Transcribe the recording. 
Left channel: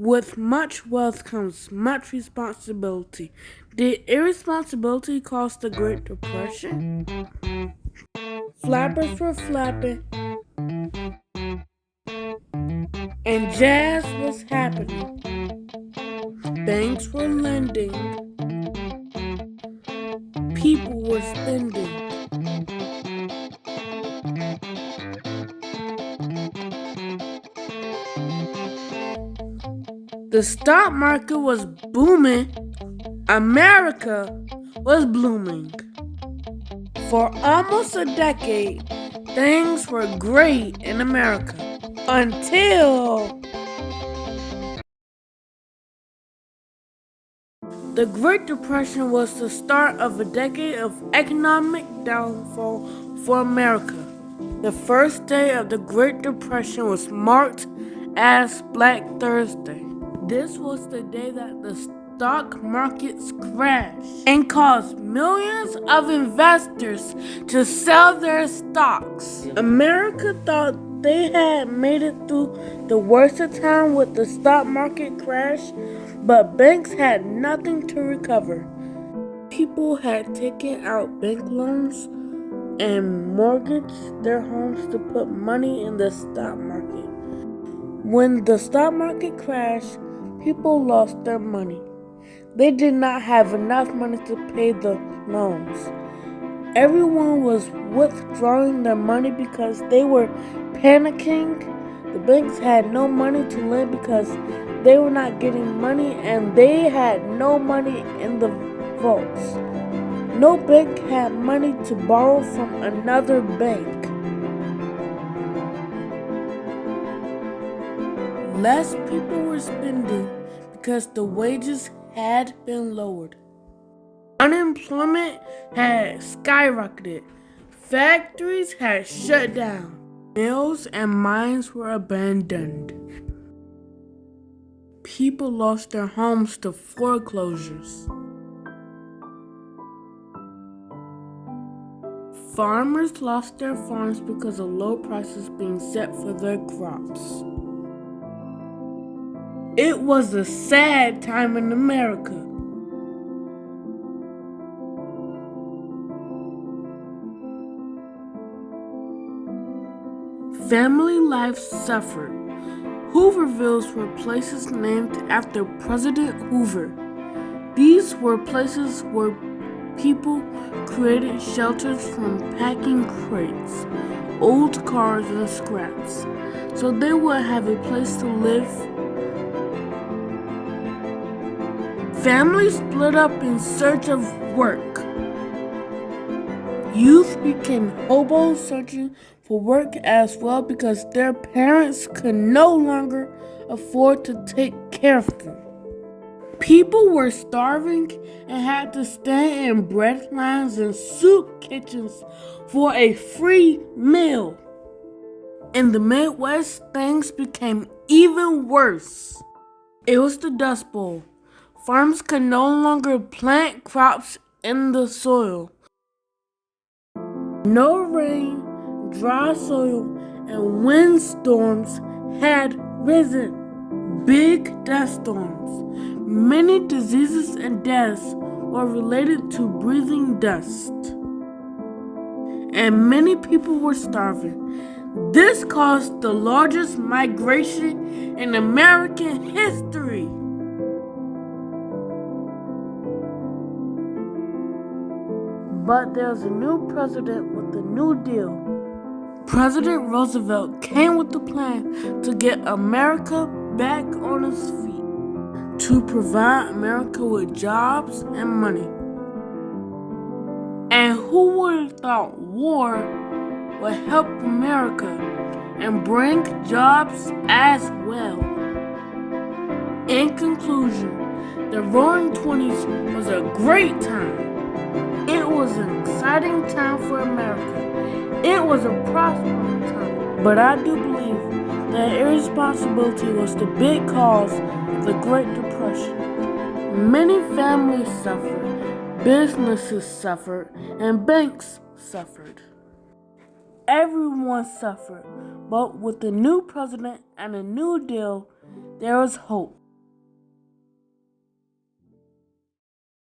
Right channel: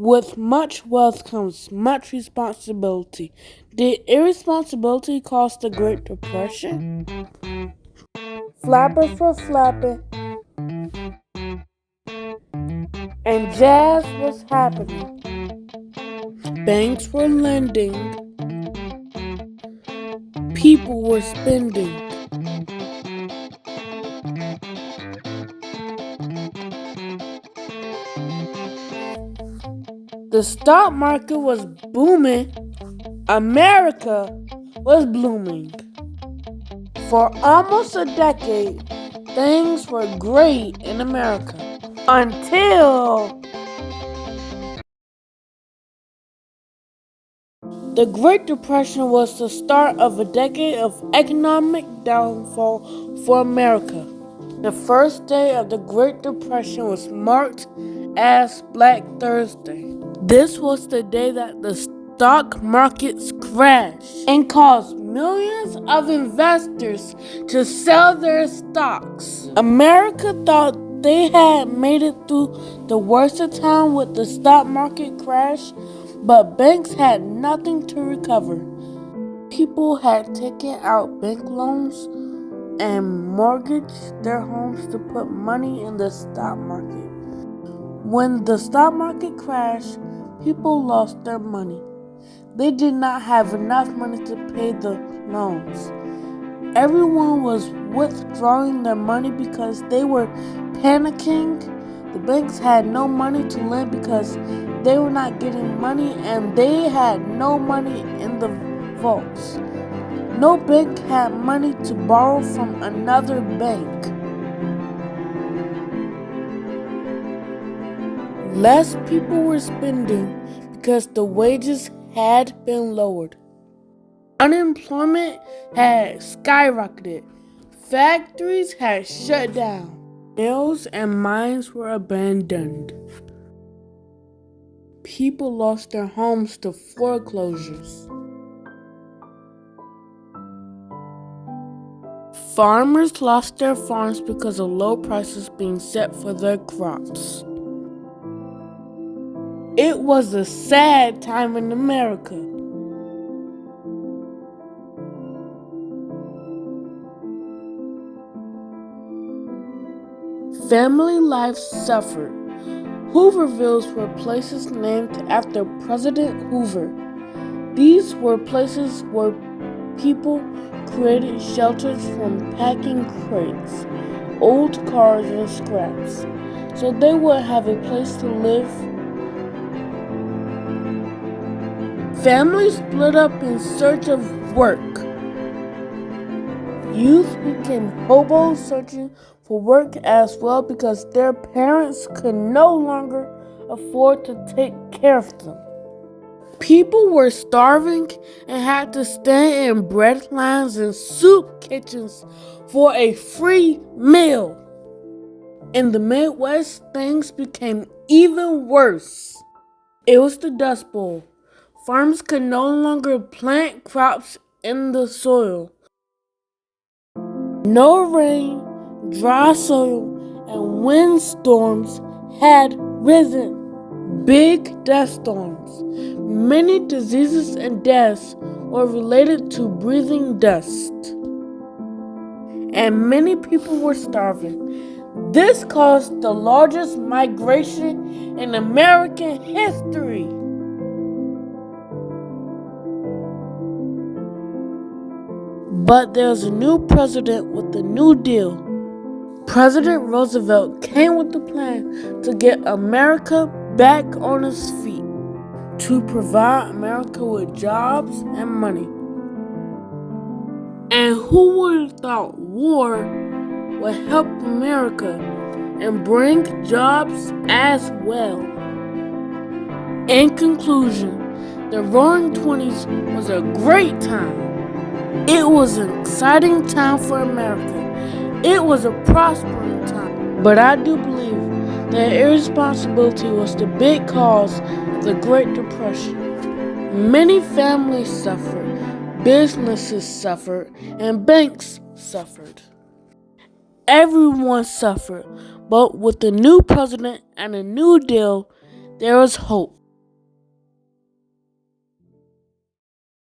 With much wealth comes much responsibility. Did irresponsibility cause the Great Depression? Flappers were flapping and jazz was happening. Banks were lending, people were spending. The stock market was booming, America was blooming. For almost a decade, things were great in America until the Great Depression was the start of a decade of economic downfall for America. The first day of the Great Depression was marked as Black Thursday. This was the day that the stock markets crashed and caused millions of investors to sell their stocks. America thought they had made it through the worst of time with the stock market crash, but banks had nothing to recover. People had taken out bank loans and mortgaged their homes to put money in the stock market. When the stock market crashed, people lost their money. They did not have enough money to pay the loans. Everyone was withdrawing their money because they were panicking. The banks had no money to lend because they were not getting money, and they had no money in the vaults. No bank had money to borrow from another bank. Less people were spending because the wages had been lowered. Unemployment had skyrocketed. Factories had shut down. Mills and mines were abandoned. People lost their homes to foreclosures. Farmers lost their farms because of low prices being set for their crops. It was a sad time in America. Family life suffered. Hoovervilles were places named after President Hoover. These were places where people created shelters from packing crates, old cars, and scraps, so they would have a place to live. Families split up in search of work. Youth became hobos searching for work as well because their parents could no longer afford to take care of them. People were starving and had to stand in bread lines and soup kitchens for a free meal. In the Midwest, things became even worse. It was the Dust Bowl. Farms could no longer plant crops in the soil. No rain, dry soil, and windstorms had risen. Big dust storms. Many diseases and deaths were related to breathing dust. And many people were starving. This caused the largest migration in American history. But there's a new president with a new deal. President Roosevelt came with a plan to get America back on its feet, to provide America with jobs and money. And who would have thought war would help America and bring jobs as well? In conclusion, the Roaring Twenties was a great time. It was an exciting time for America. It was a prospering time. But I do believe that irresponsibility was the big cause of the Great Depression. Many families suffered, businesses suffered, and banks suffered. Everyone suffered, but with the new president and a new deal, there was hope.